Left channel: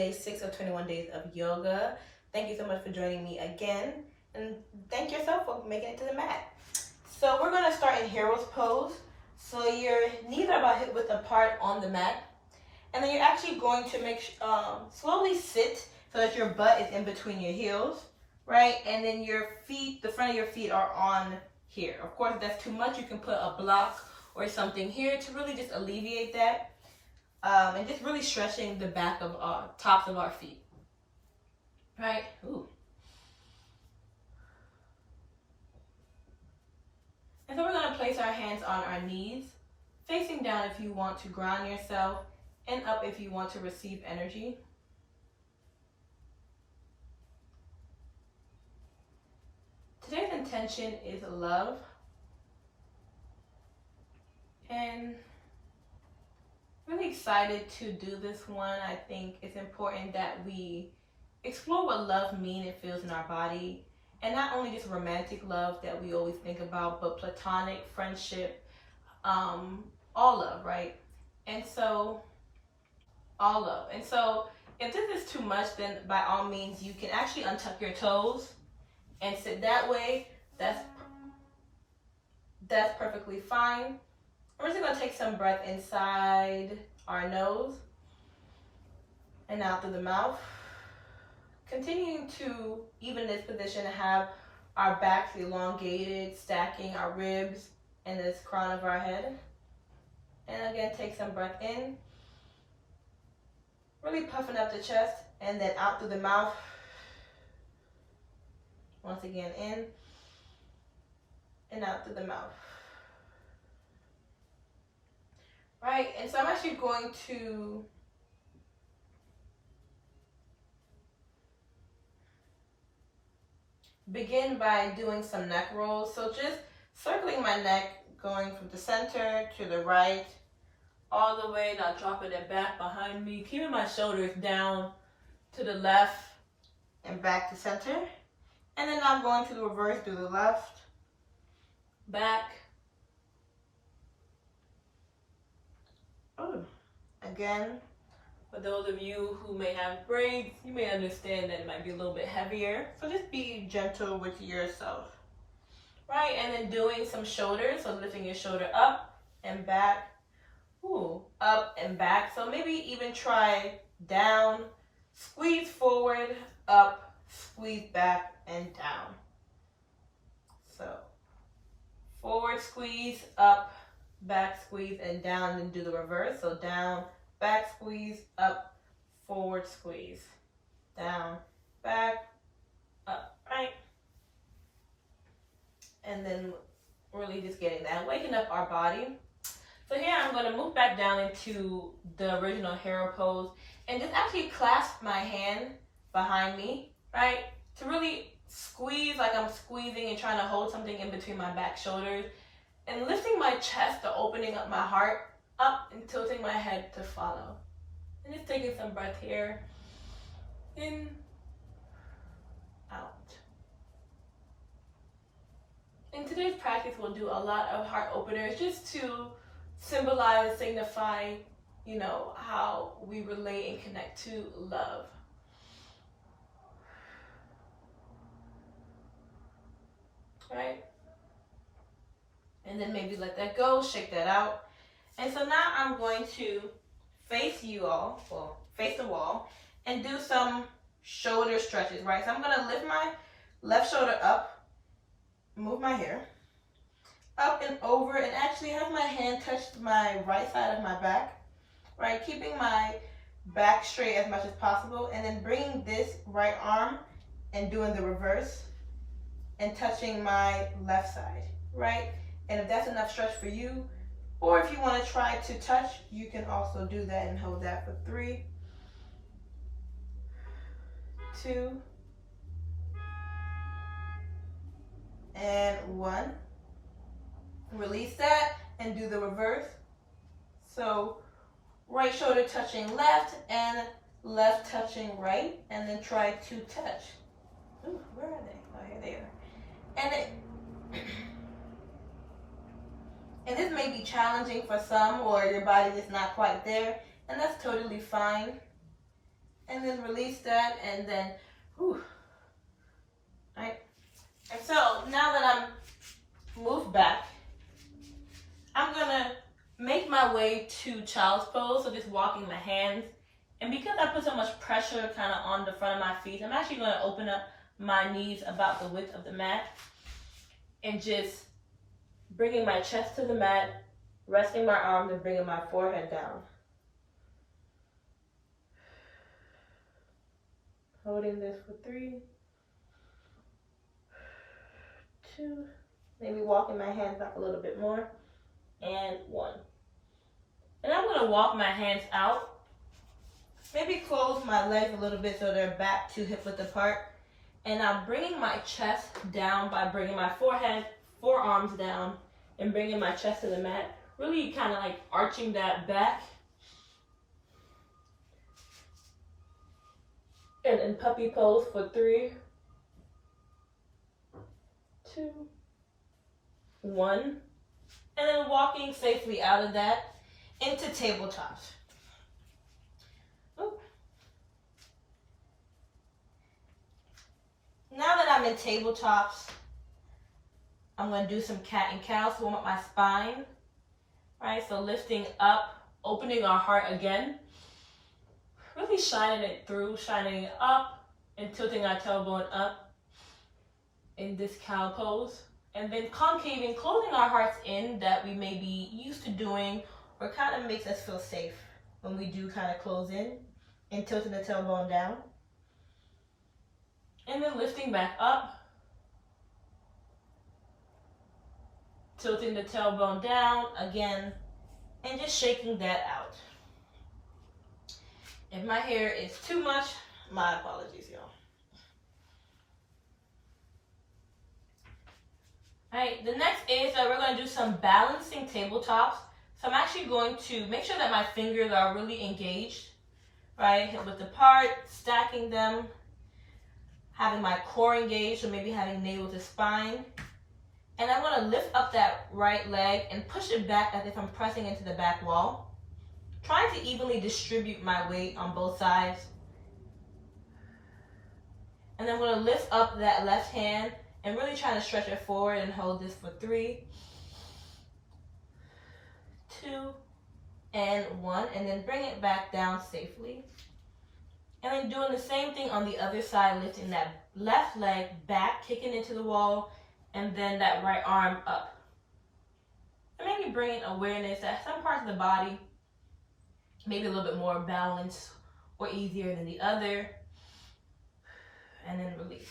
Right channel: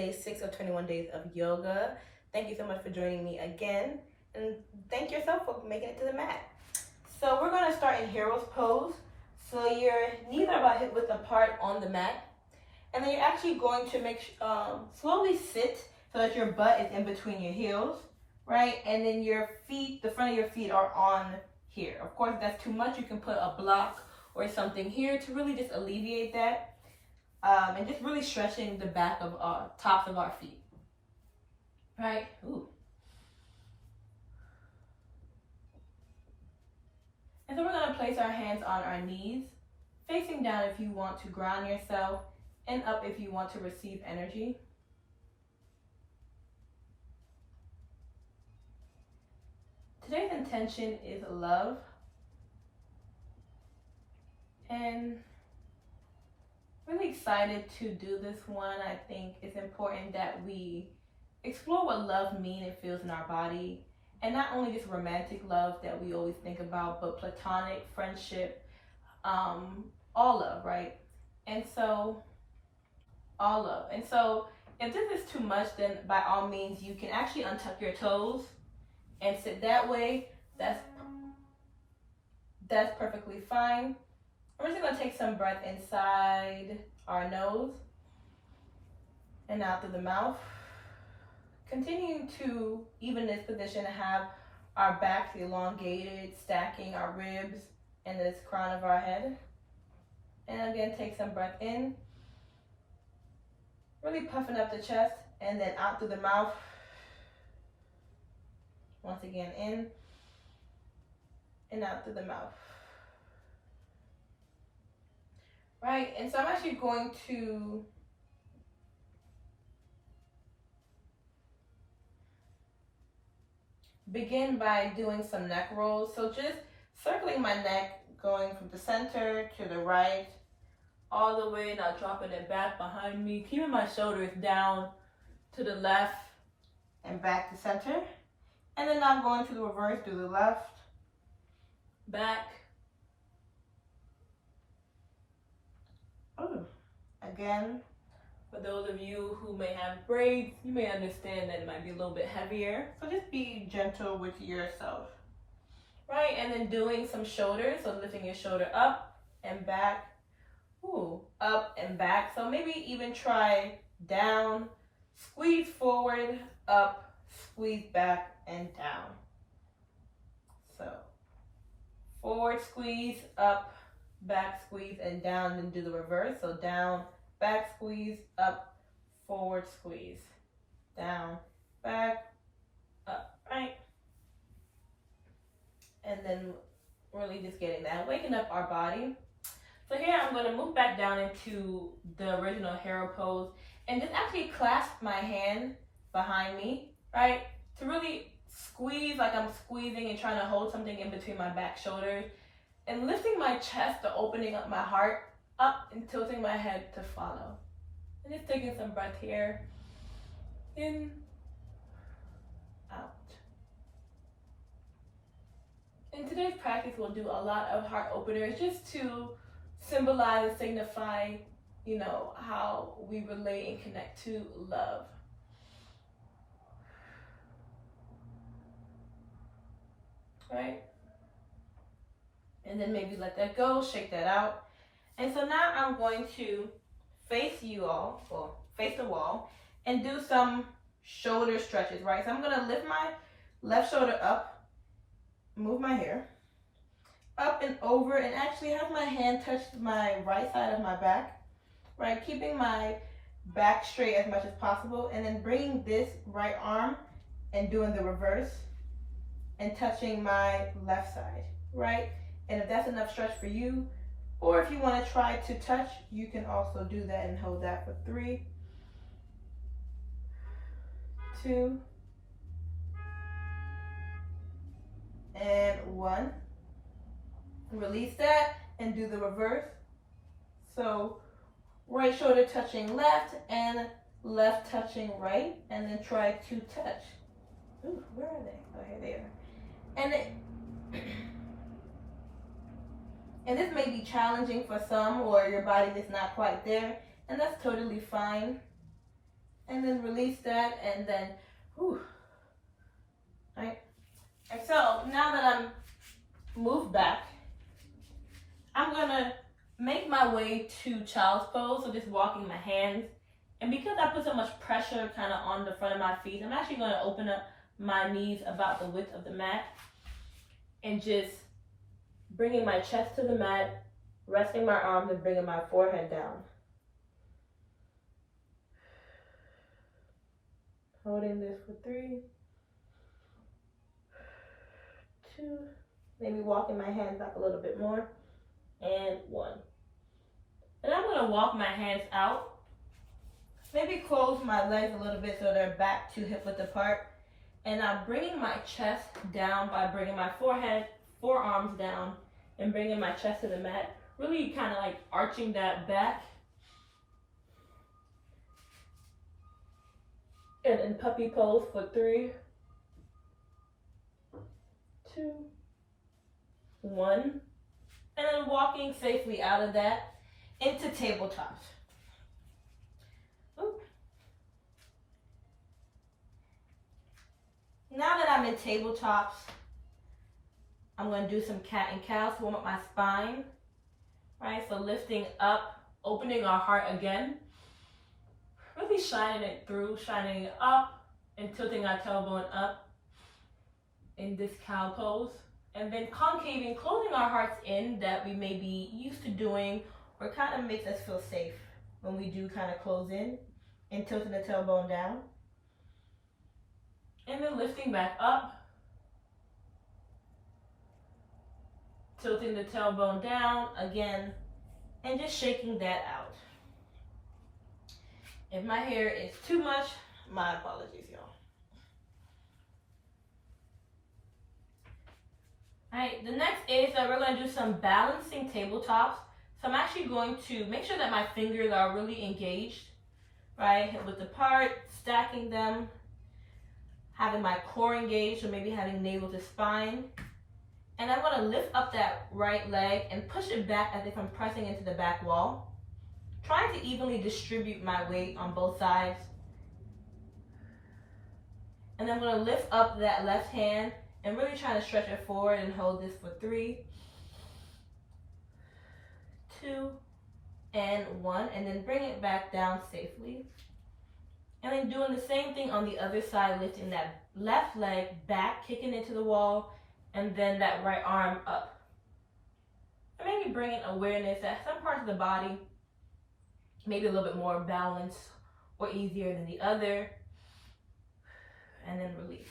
day 6 of 21 days of yoga. Thank you so much for joining me again, and thank yourself for making it to the mat. So we're going to start in Hero's Pose. So your knees are about hip width apart on the mat, and then you're actually going to slowly sit so that your butt is in between your heels, right? And then your feet, the front of your feet are on here. Of course, if that's too much, you can put a block or something here to really just alleviate that. And just really stretching the back of tops of our feet, right? Ooh. And so we're going to place our hands on our knees, facing down if you want to ground yourself, and up if you want to receive energy. Today's intention is love, and really excited to do this one. I think it's important that we explore what love means and feels in our body, and not only just romantic love that we always think about, but platonic, friendship, all love, right? And so, all love. And so, if this is too much, then by all means, you can actually untuck your toes and sit that way. That's perfectly fine. We're just going to take some breath inside our nose and out through the mouth. Continuing to, even this position, have our backs elongated, stacking our ribs and this crown of our head. And again, take some breath in. Really puffing up the chest, and then out through the mouth. Once again, in and out through the mouth. Right, and so I'm actually going to begin by doing some neck rolls. So just circling my neck, going from the center to the right, all the way, now dropping it back behind me, keeping my shoulders down to the left and back to center. And then now going to the reverse, to the left, back. Ooh. Again, for those of you who may have braids, you may understand that it might be a little bit heavier. So just be gentle with yourself. Right, and then doing some shoulders, so lifting your shoulder up and back. Ooh, up and back. So maybe even try down, squeeze forward, up, squeeze back, and down. So forward squeeze, up, back squeeze, and down, then do the reverse. So down, back squeeze, up, forward squeeze, down, back, up, right? And then really just getting that, waking up our body. So here I'm going to move back down into the original hero pose and just actually clasp my hand behind me, right? To really squeeze like I'm squeezing and trying to hold something in between my back shoulders, and lifting my chest to opening up my heart up and tilting my head to follow. And just taking some breath here. In, out. In today's practice, we'll do a lot of heart openers just to symbolize and signify, how we relate and connect to love. Right? And then maybe let that go, shake that out. And so now I'm going to face you all, or face the wall, and do some shoulder stretches, right? So I'm going to lift my left shoulder up, move my hair, up and over, and actually have my hand touch my right side of my back, right? Keeping my back straight as much as possible, and then bringing this right arm and doing the reverse and touching my left side, right? And if that's enough stretch for you, or if you want to try to touch, you can also do that and hold that for 3, 2, and 1. Release that and do the reverse. So right shoulder touching left and left touching right, and then try to touch. Ooh, where are they? Oh, here they are. And this may be challenging for some, or your body is not quite there, and that's totally fine. And then release that, and then, whew. Right? And so now that I'm moved back, I'm gonna make my way to child's pose, so just walking my hands. And because I put so much pressure kind of on the front of my feet, I'm actually gonna open up my knees about the width of the mat and just bringing my chest to the mat, resting my arms and bringing my forehead down. Holding this for 3, 2, maybe walking my hands back a little bit more, and 1. And I'm gonna walk my hands out, maybe close my legs a little bit so they're back to hip width apart. And I'm bringing my chest down by bringing my forearms down and bringing my chest to the mat, really kind of like arching that back. And in puppy pose for 3, 2, 1. And then walking safely out of that into tabletops. Oop. Now that I'm in tabletops, I'm going to do some cat and cow to warm up my spine. Right, so lifting up, opening our heart again. Really shining it through, shining it up and tilting our tailbone up in this cow pose. And then concaving, closing our hearts in that we may be used to doing, or kind of makes us feel safe when we do kind of close in, and tilting the tailbone down. And then lifting back up, tilting the tailbone down again, and just shaking that out. If my hair is too much, my apologies, y'all. Alright, the next is that we're going to do some balancing tabletops. So I'm actually going to make sure that my fingers are really engaged, right? Hip width apart, stacking them, having my core engaged, so maybe having navel to spine. And I'm going to lift up that right leg and push it back as if I'm pressing into the back wall. Trying to evenly distribute my weight on both sides. And then I'm going to lift up that left hand and really try to stretch it forward and hold this for 3, 2, and 1. And then bring it back down safely. And then doing the same thing on the other side, lifting that left leg back, kicking into the wall, and then that right arm up. And maybe bringing awareness that some parts of the body maybe a little bit more balanced or easier than the other. And then release.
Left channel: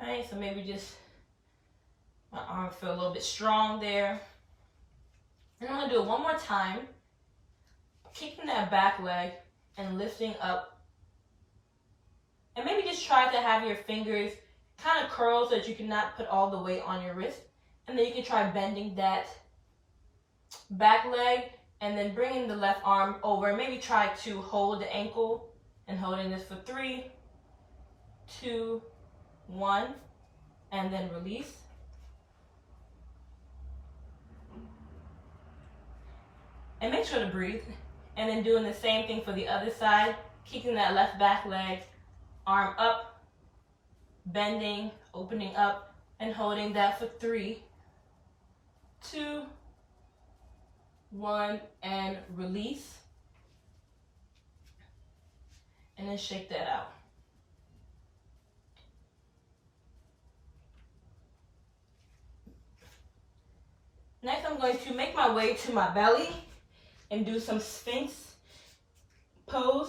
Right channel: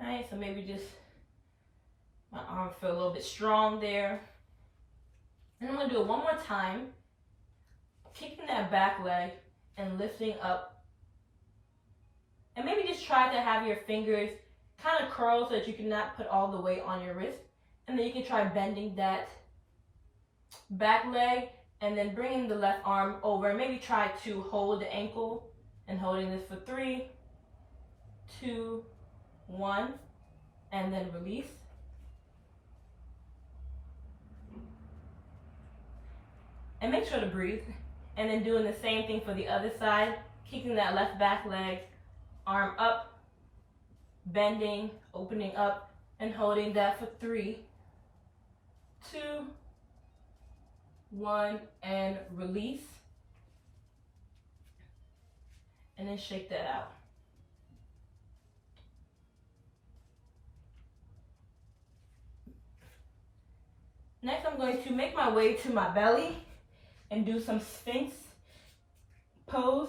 Alright, so maybe just my arm feel a little bit strong there. And I'm going to do it one more time. Kicking that back leg and lifting up. And maybe just try to have your fingers kind of curl so that you cannot put all the weight on your wrist. And then you can try bending that back leg and then bringing the left arm over. Maybe try to hold the ankle and holding this for 3, 2, 1, and then release. And make sure to breathe. And then doing the same thing for the other side, kicking that left back leg, arm up, bending, opening up, and holding that for 3, 2, 1, and release. And then shake that out. Next, I'm going to make my way to my belly and do some Sphinx Pose.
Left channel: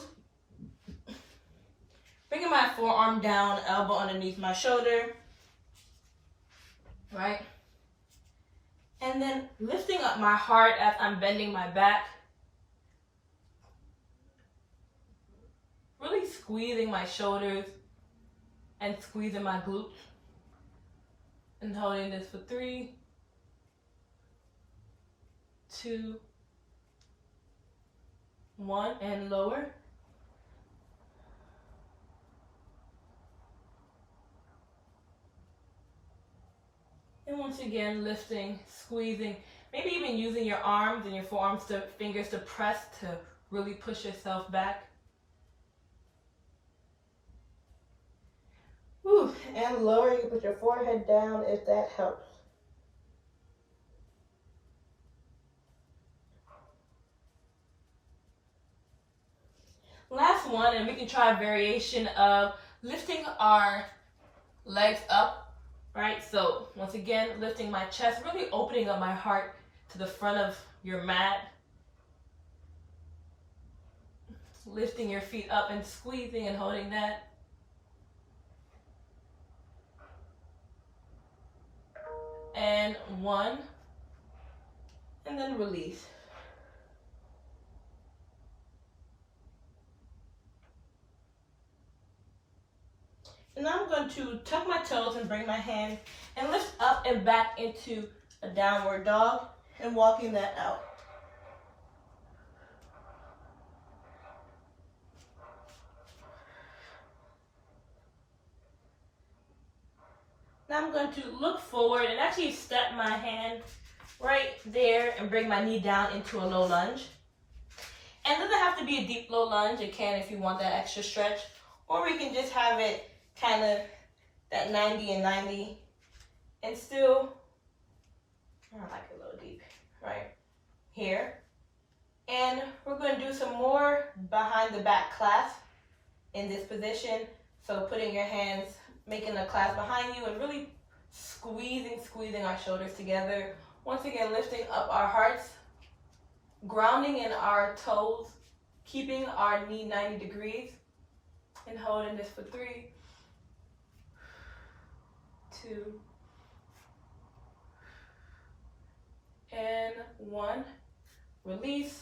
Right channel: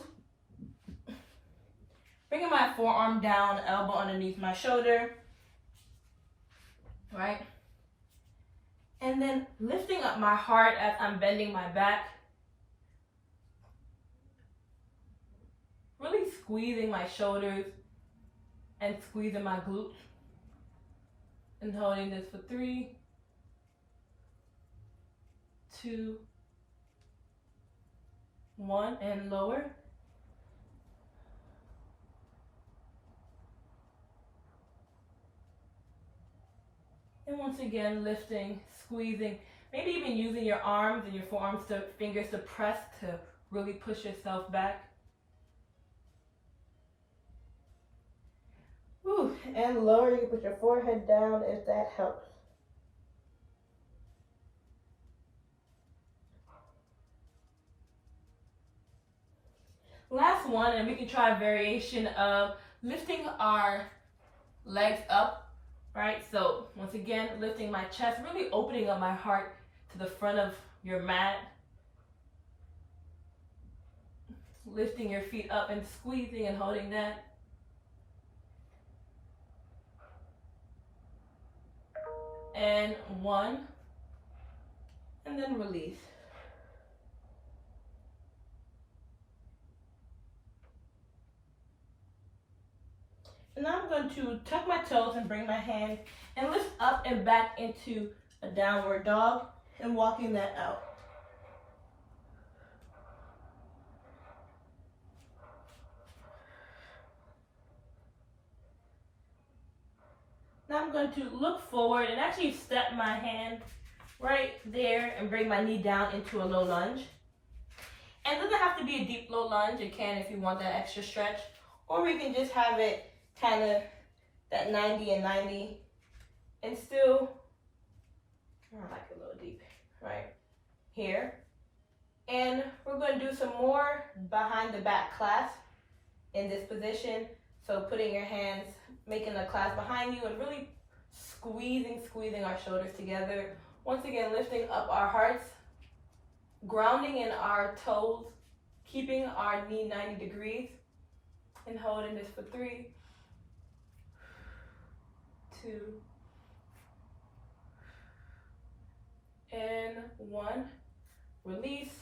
Bringing my forearm down, elbow underneath my shoulder, right? And then lifting up my heart as I'm bending my back. Really squeezing my shoulders and squeezing my glutes. And holding this for 3, 2, 1, and lower. And once again, lifting, squeezing, maybe even using your arms and your forearms to fingers to press to really push yourself back. and lower. You can put your forehead down if that helps. Last one, and we can try a variation of lifting our legs up, right? So once again, lifting my chest, really opening up my heart to the front of your mat. Lifting your feet up and squeezing and holding that. And one, and then release. And now I'm going to tuck my toes and bring my hands and lift up and back into a downward dog and walking that out. Now I'm going to look forward and actually step my hand right there and bring my knee down into a low lunge. And it doesn't have to be a deep low lunge. It can if you want that extra stretch. Or we can just have it kind of that 90 and 90 and still, I like it a little deep, right here. And we're going to do some more behind the back clasp in this position. So putting your hands, making a clasp behind you and really squeezing our shoulders together. Once again, lifting up our hearts, grounding in our toes, keeping our knee 90 degrees, and holding this for 3, 2, and 1. Release,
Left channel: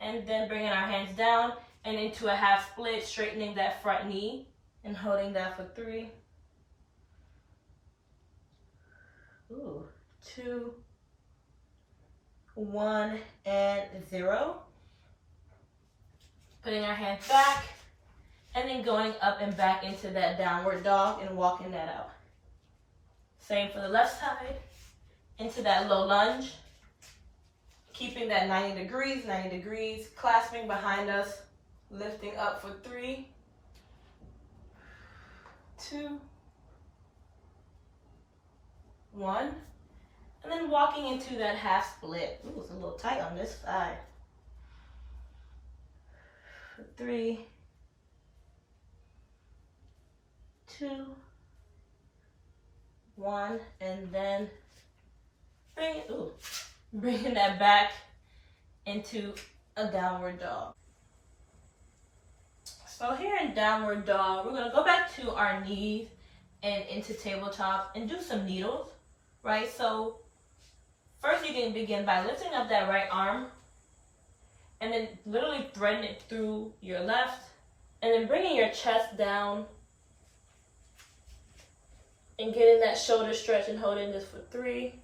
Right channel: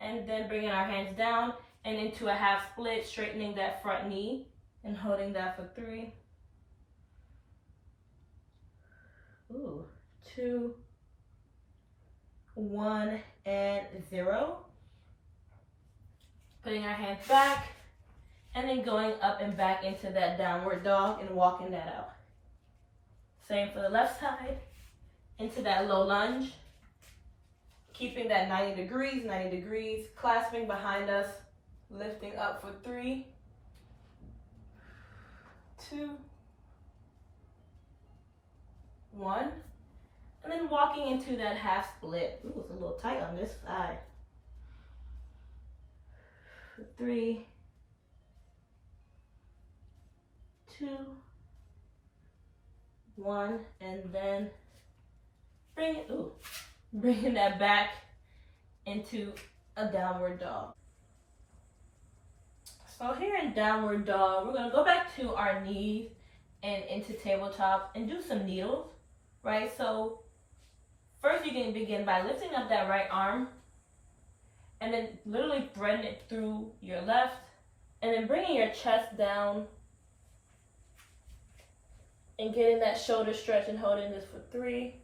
and then bringing our hands down and into a half split, straightening that front knee and holding that for 3, 2, 1, and 0. Putting our hands back and then going up and back into that downward dog and walking that out. Same for the left side, into that low lunge, keeping that 90 degrees, clasping behind us, lifting up for 3, 2, 1, and then walking into that half split. Ooh, it's a little tight on this side. 3, 2, 1, and then bringing that back into a downward dog. So here in downward dog, we're going to go back to our knees and into tabletop and do some needles, right? So first you can begin by lifting up that right arm and then literally threading it through your left and then bringing your chest down and getting that shoulder stretch and holding this for 3,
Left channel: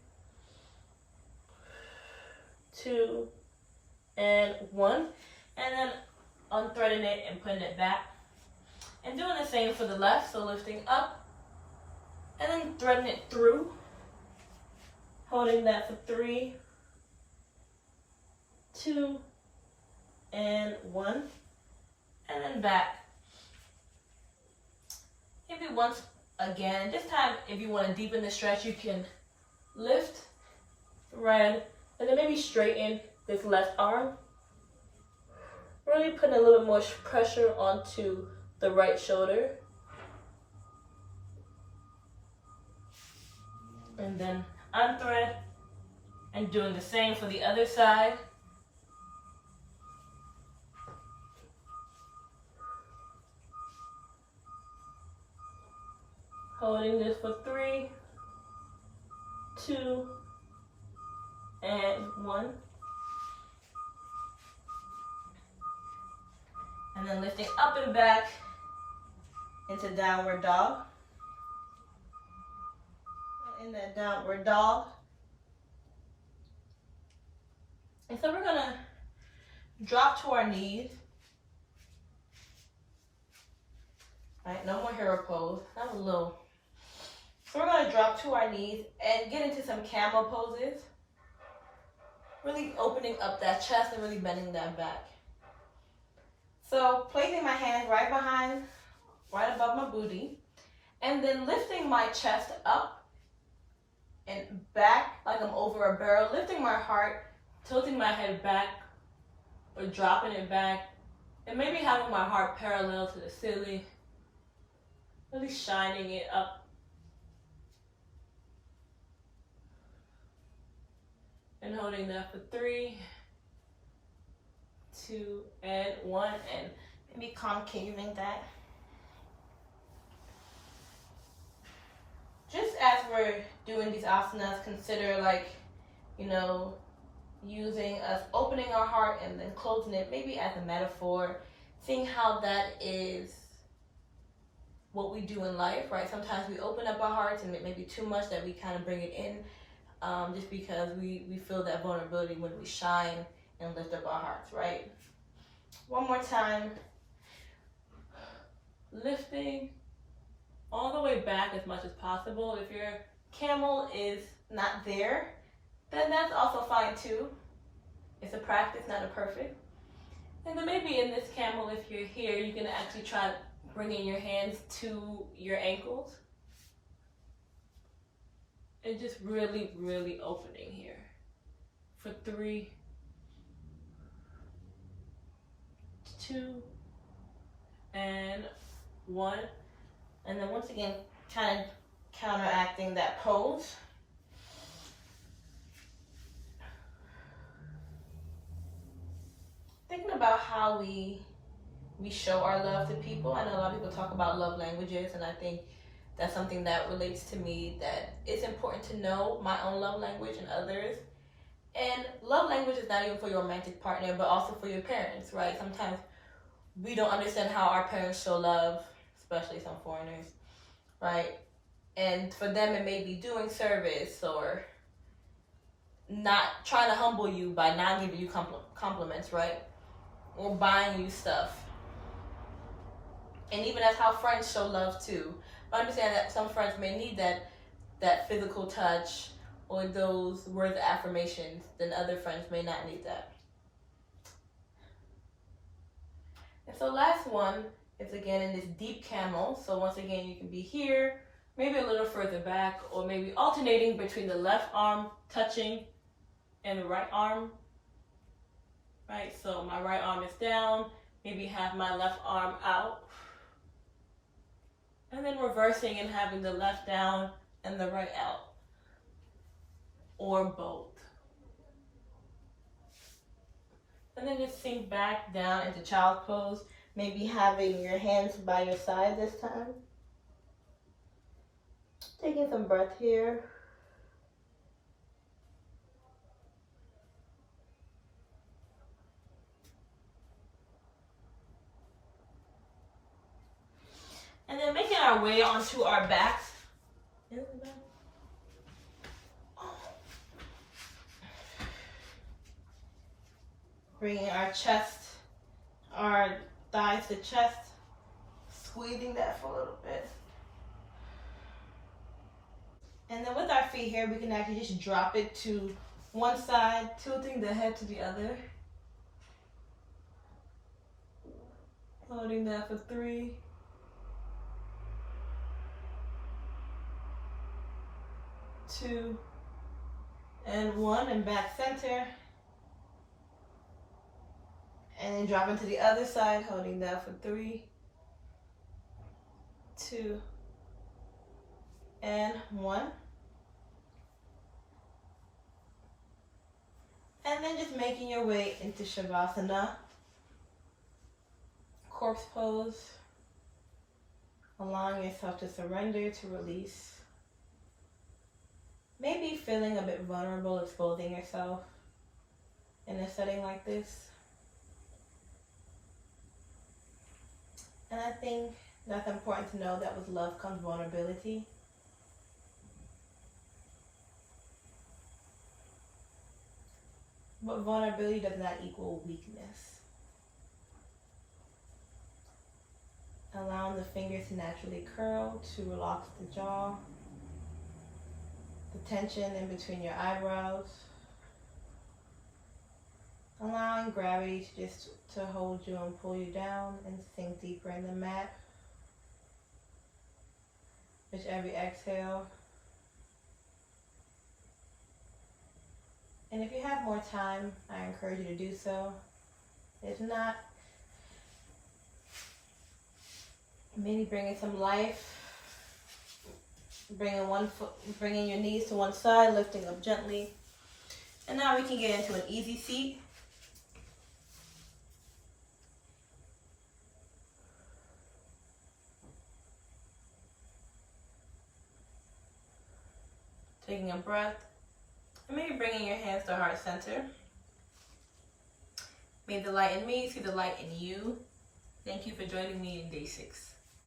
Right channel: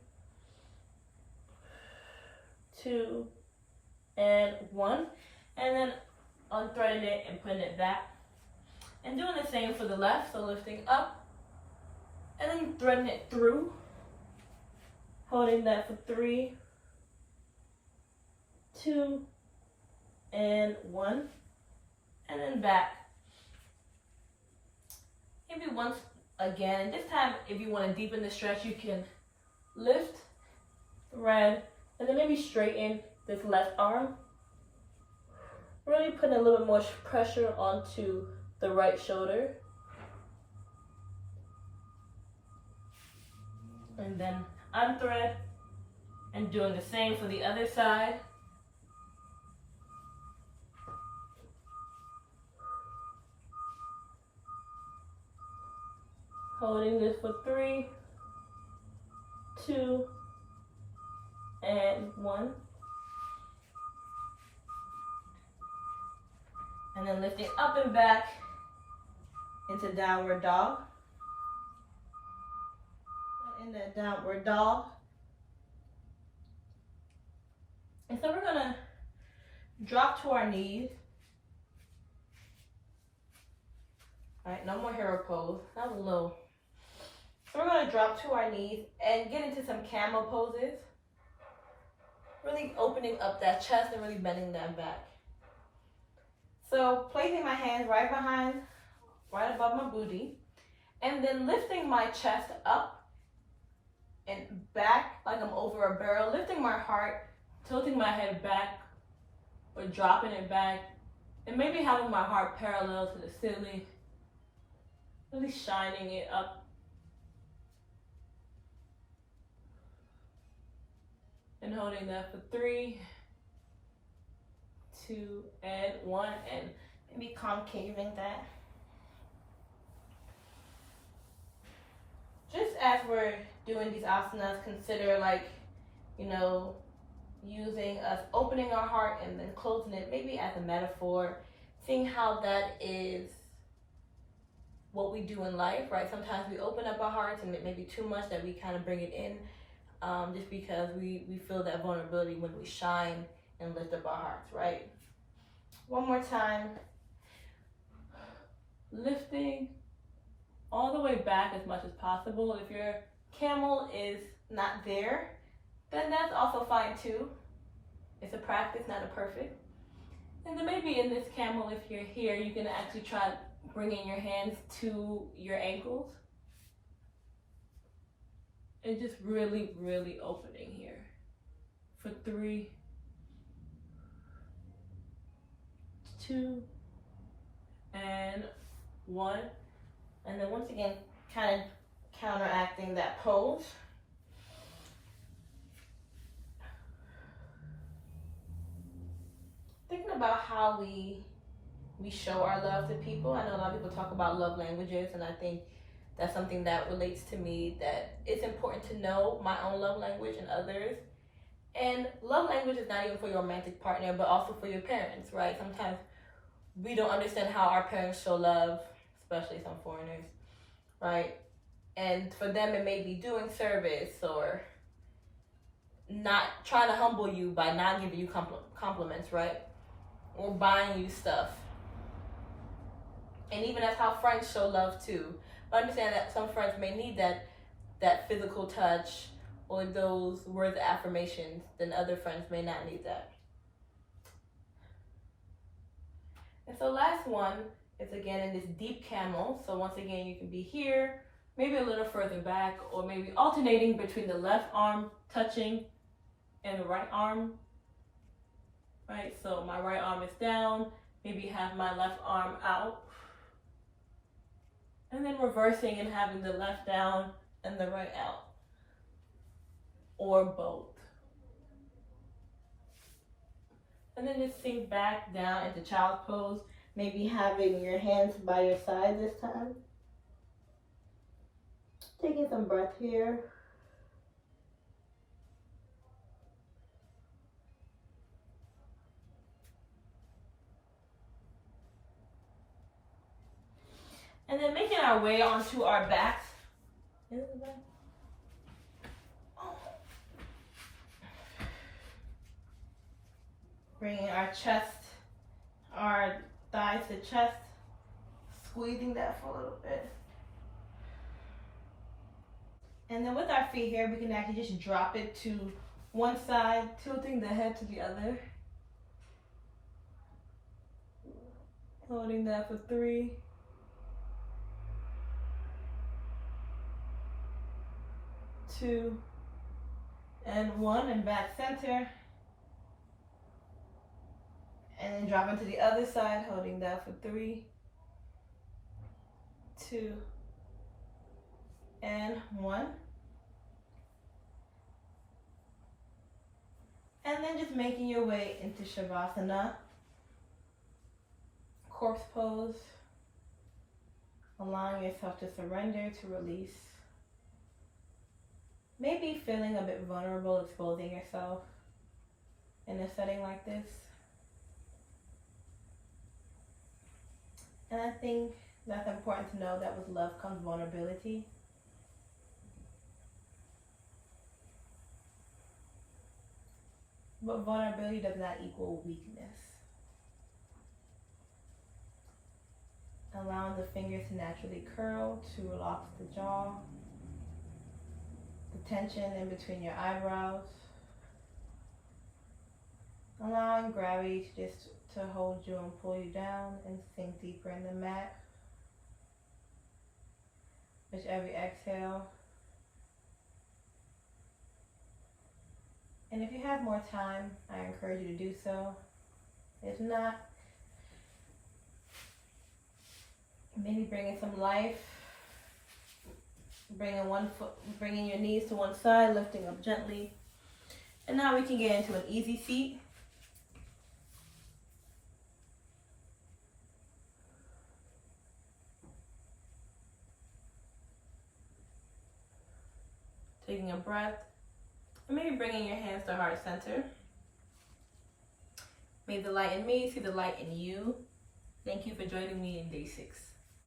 2, and 1, and then unthreading it and putting it back. And doing the same for the left, so lifting up and then threading it through, holding that for 3, 2, and 1, and then back. Maybe once again. This time, if you want to deepen the stretch, you can lift, thread, and then maybe straighten this left arm. Really putting a little bit more pressure onto the right shoulder. And then unthread, and doing the same for the other side. Holding this for 3, 2, and 1. And then lifting up and back into downward dog. In that downward dog. And so we're gonna drop to our knees. All right, no more hero pose. That was a little. So we're gonna drop to our knees and get into some camel poses. Really opening up that chest and really bending that back. So placing my hands right above my booty. And then lifting my chest up and back like I'm over a barrel, lifting my heart, tilting my head back or dropping it back, and maybe having my heart parallel to the ceiling, really shining it up. And holding that for 3, 2, and 1, and maybe concaving that. Just as we're doing these asanas, consider using us opening our heart and then closing it, maybe as a metaphor, seeing how that is what we do in life, right? Sometimes we open up our hearts and it may be too much that we kind of bring it in, just because we feel that vulnerability when we shine and lift up our hearts, right? One more time. Lifting all the way back as much as possible. If your camel is not there, then that's also fine too. It's a practice, not a perfect. And then maybe in this camel, if you're here, you can actually try bringing your hands to your ankles. And just really, really opening here. For 3, 2, and 1. And then once again, kind of counteracting that pose. Thinking about how we show our love to people. I know a lot of people talk about love languages, and I think that's something that relates to me, that it's important to know my own love language and others. And love language is not even for your romantic partner, but also for your parents, right? Sometimes we don't understand how our parents show love, especially some foreigners, right? And for them, it may be doing service or not trying to humble you by not giving you compliments, right? Or buying you stuff. And even that's how friends show love too. But understand that some friends may need that physical touch or those words of affirmations, then other friends may not need that. And so last one is again in this deep camel. So once again, you can be here, maybe a little further back, or maybe alternating between the left arm touching and the right arm. Right, so my right arm is down, maybe have my left arm out. And then reversing and having the left down and the right out. Or both. And then just sink back down into child's pose. Maybe having your hands by your side this time. Taking some breath here. And then making our way onto our backs. Bringing our chest, our thighs to chest, squeezing that for a little bit. And then with our feet here, we can actually just drop it to one side, tilting the head to the other. Holding that for 3, 2, and 1, and back center. And then dropping to the other side, holding that for 3, 2, and 1. And then just making your way into Shavasana, corpse pose, allowing yourself to surrender, to release. Maybe feeling a bit vulnerable, exposing yourself in a setting like this. And I think that's important to know that with love comes vulnerability. But vulnerability does not equal weakness. Allowing the fingers to naturally curl to relax the jaw. The tension in between your eyebrows. Allowing gravity to just to hold you and pull you down and sink deeper in the mat. with every exhale. And if you have more time, I encourage you to do so. If not, maybe bringing some life, bringing your knees to one side, lifting up gently. And now we can get into an easy seat. Taking a breath, and maybe bringing your hands to heart center. May the light in me see the light in you. Thank you for joining me in day 6.